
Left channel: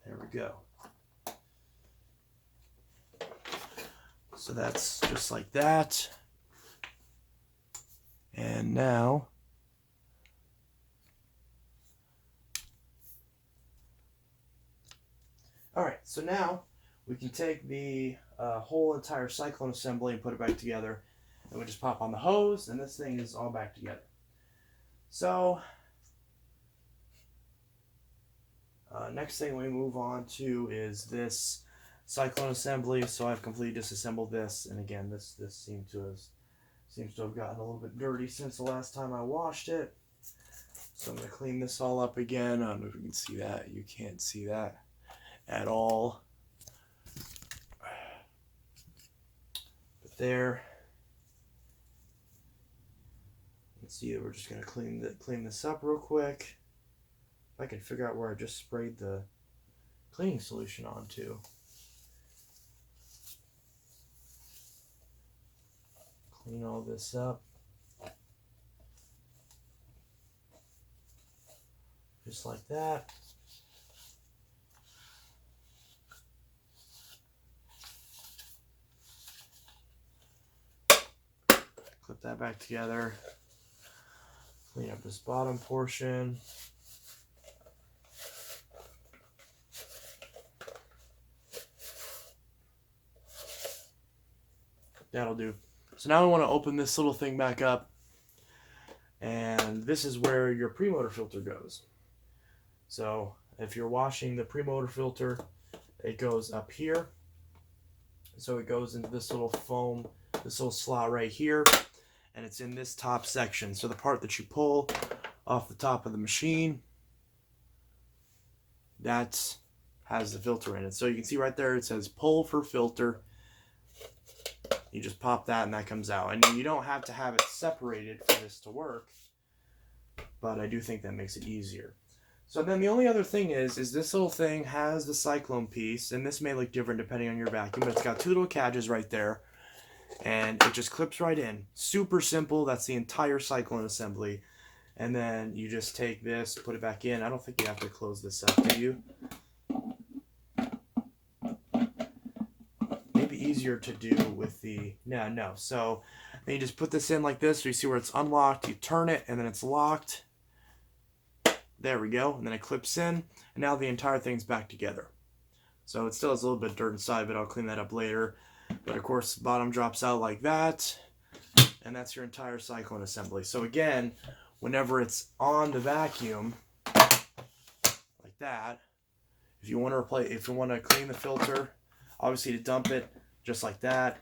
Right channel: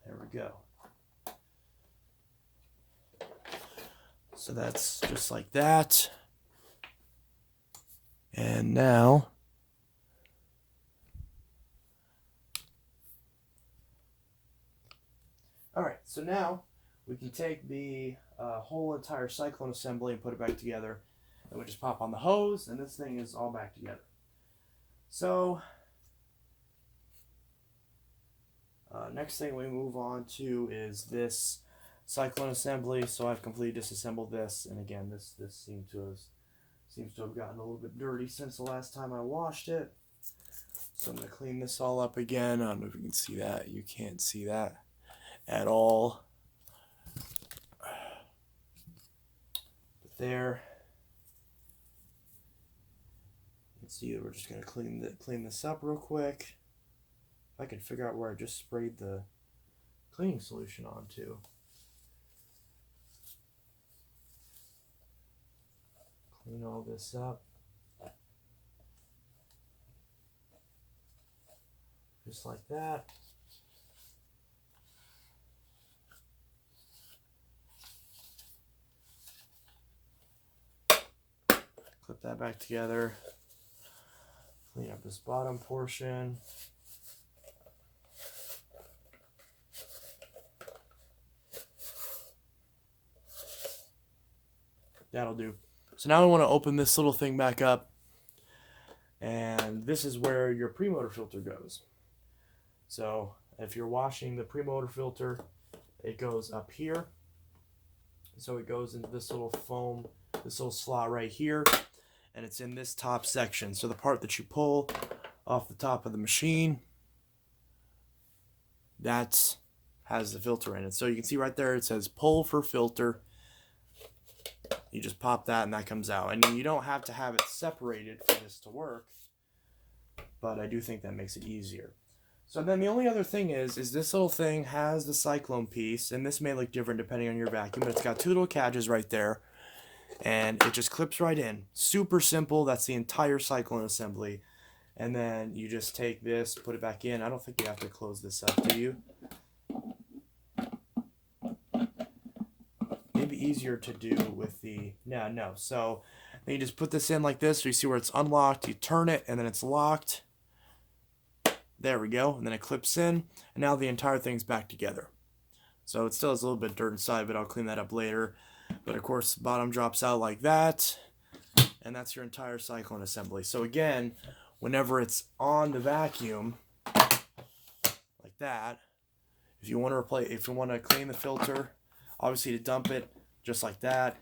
There we go. So that's just like that. And now alright, so now we can take the whole entire Cyclone assembly and put it back together. And we'll just pop on the hose, and this thing is all back together. So, next thing we move on to is this Cyclone assembly. So I've completely disassembled this, and again, this seems to have gotten a little bit dirty since the last time I washed it. So I'm going to clean this all up again. I don't know if you can see that. You can't see that at all. But there. You can see that we're just going to clean this up real quick. If I can figure out where I just sprayed the cleaning solution onto. Clean all this up. Just like that. Clip that back together. Clean up this bottom portion. That'll do. So now I want to open this little thing back up, and this is where your Premotor filter goes. So if you're washing the Premotor filter, it goes up here. So it goes into this little foam, this little slot right here, and it's in this top section. So the part that you pull off the top of the machine, that has the filter in it. So you can see right there it says pull for filter. You just pop that and that comes out. And you don't have to have it separated for this to work, but I do think that makes it easier. So then the only other thing is this little thing has the Cyclone piece, and this may look different depending on your vacuum, but it's got 2 little cadges right there, and it just clips right in. Super simple. That's the entire Cyclone assembly. And then you just take this, put it back in. I don't think you have to close this up, do you? Easier to do with the no. So then you just put this in like this. So you see where it's unlocked. You turn it, and then it's locked. There we go. And then it clips in, and now the entire thing's back together. So it still has a little bit of dirt inside, but I'll clean that up later. But of course, the bottom drops out like that, and that's your entire Cyclone assembly. So again, whenever it's on the vacuum, like that, if you want to clean the filter, obviously to dump it. Just like that.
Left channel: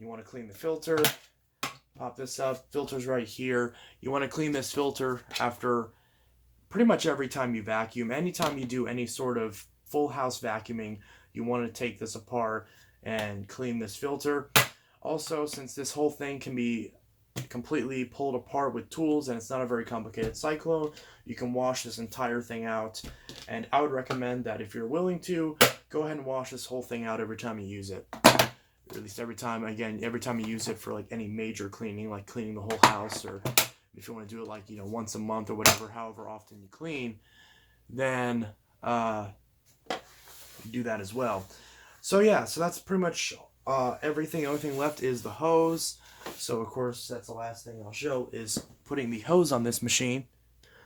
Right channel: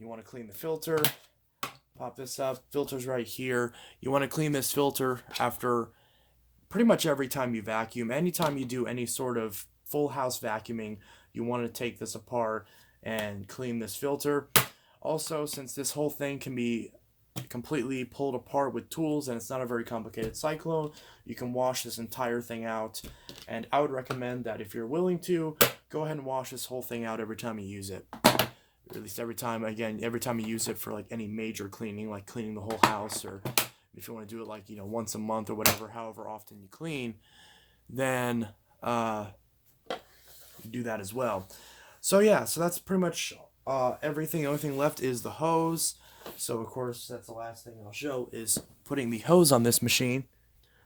You want to clean the filter, pop this up, filter's right here. You want to clean this filter after pretty much every time you vacuum. Anytime you do any sort of full house vacuuming, you want to take this apart and clean this filter. Also, since this whole thing can be completely pulled apart with tools and it's not a very complicated cyclone, you can wash this entire thing out. And I would recommend that if you're willing to, go ahead and wash this whole thing out every time you use it. Or at least every time you use it for like any major cleaning, like cleaning the whole house, or if you want to do it like, you know, once a month or whatever, however often you clean, then do that as well. So yeah, so that's pretty much everything. The only thing left is the hose. So of course that's the last thing I'll show, is putting the hose on this machine.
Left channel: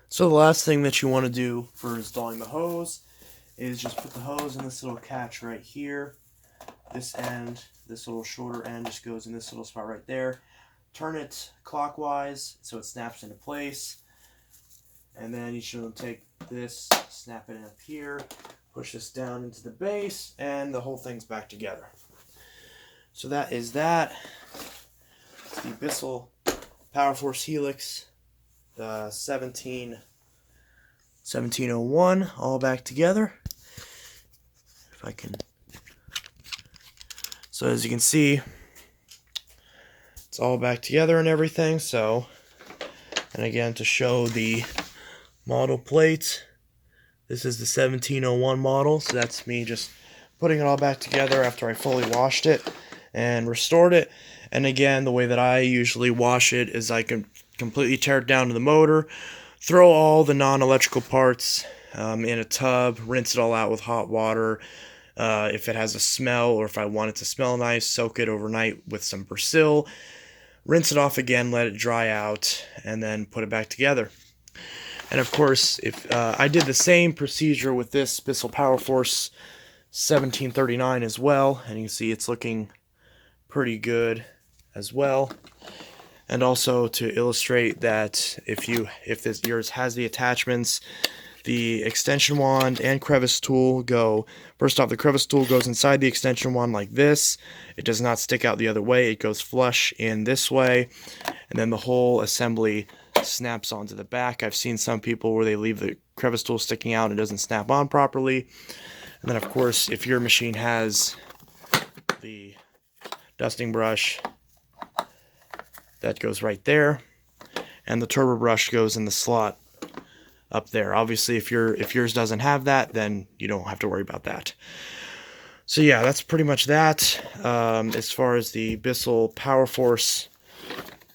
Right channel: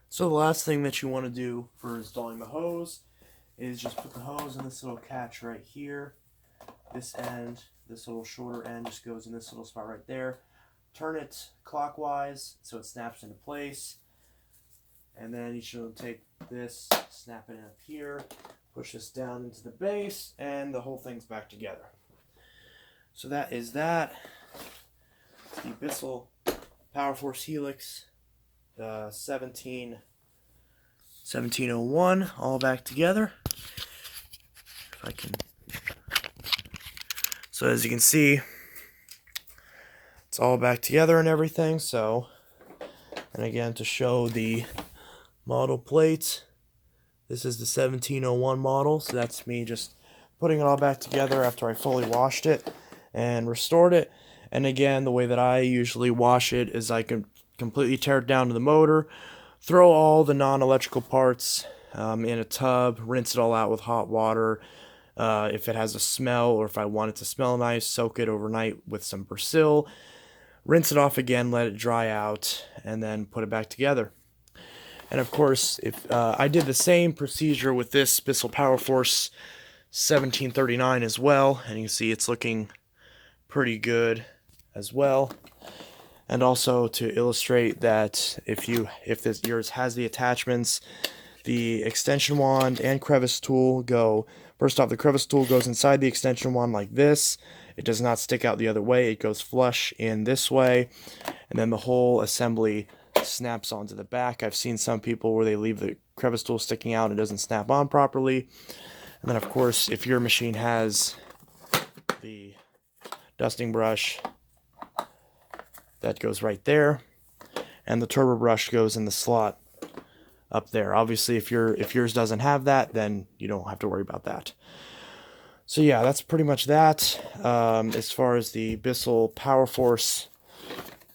So the last thing that you want to do for installing the hose is just put the hose in this little catch right here. This end, this little shorter end, just goes in this little spot right there. Turn it clockwise so it snaps into place. And then you should take this, snap it up here, push this down into the base, and the whole thing's back together. So that is that. It's the Bissell PowerForce Helix 1701, all back together. If I can. So as you can see, it's all back together and everything. So, and again, to show the model plate, this is the 1701 model. So that's me just putting it all back together after I fully washed it and restored it. And again, the way that I usually wash it is I can completely tear it down to the motor, throw all the non-electrical parts in a tub, rinse it all out with hot water. If it has a smell, or if I want it to smell nice, soak it overnight with some Persil, rinse it off again, let it dry out, and then put it back together. And of course, if I did the same procedure with this Bissell PowerForce 1739 as well, and you can see it's looking pretty good as well. And also to illustrate that if yours has the attachments, the extension wand and crevice tool go, first off, the crevice tool goes inside the extension wand like this. It does not stick out the other way. It goes flush in this way. And then the whole assembly snaps onto the back. I've seen some people where they leave the crevice tool sticking out and it doesn't snap on properly. And then of course, if your machine has the dusting brush, that goes right there. And the turbo brush goes in the slot up there. Obviously, if yours doesn't have that, then you don't have to worry about that. So yeah, that's pretty much that. As far as the Bissell PowerForce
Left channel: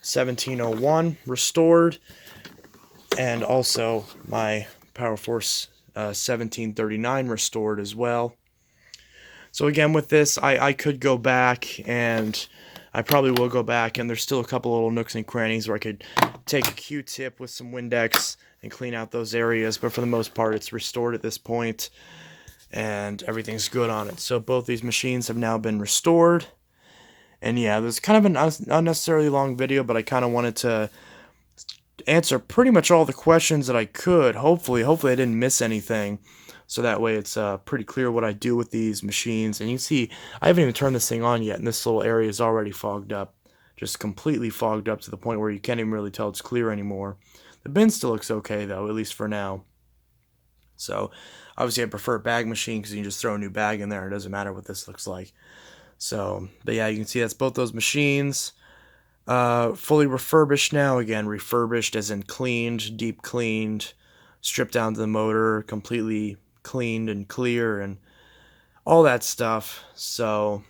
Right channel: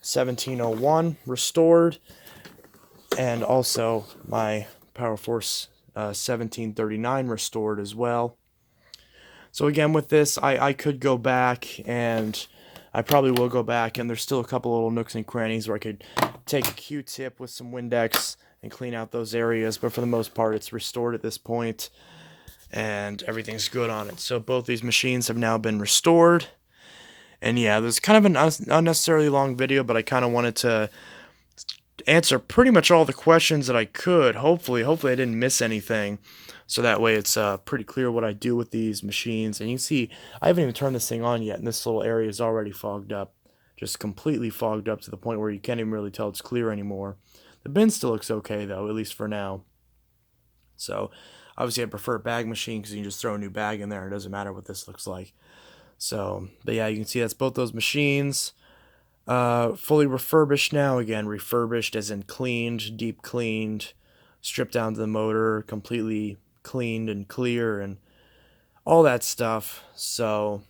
1701 restored, and also my PowerForce 1739 restored as well. So again, with this, I could go back, and I probably will go back, and there's still a couple little nooks and crannies where I could take a Q-tip with some Windex and clean out those areas, but for the most part, it's restored at this point, and everything's good on it. So both these machines have now been restored, and yeah, there's kind of an unnecessarily long video, but I kind of wanted to answer pretty much all the questions that I could. Hopefully I didn't miss anything, so that way it's pretty clear what I do with these machines. And you can see I haven't even turned this thing on yet, and this little area is already fogged up, just completely fogged up to the point where you can't even really tell it's clear anymore. The bin still looks okay though, at least for now. So obviously I prefer a bag machine because you can just throw a new bag in there. It doesn't matter what this looks like. So, but yeah, you can see that's both those machines. Fully refurbished now. Again, refurbished as in cleaned, deep cleaned, stripped down to the motor, completely cleaned and clear and all that stuff. So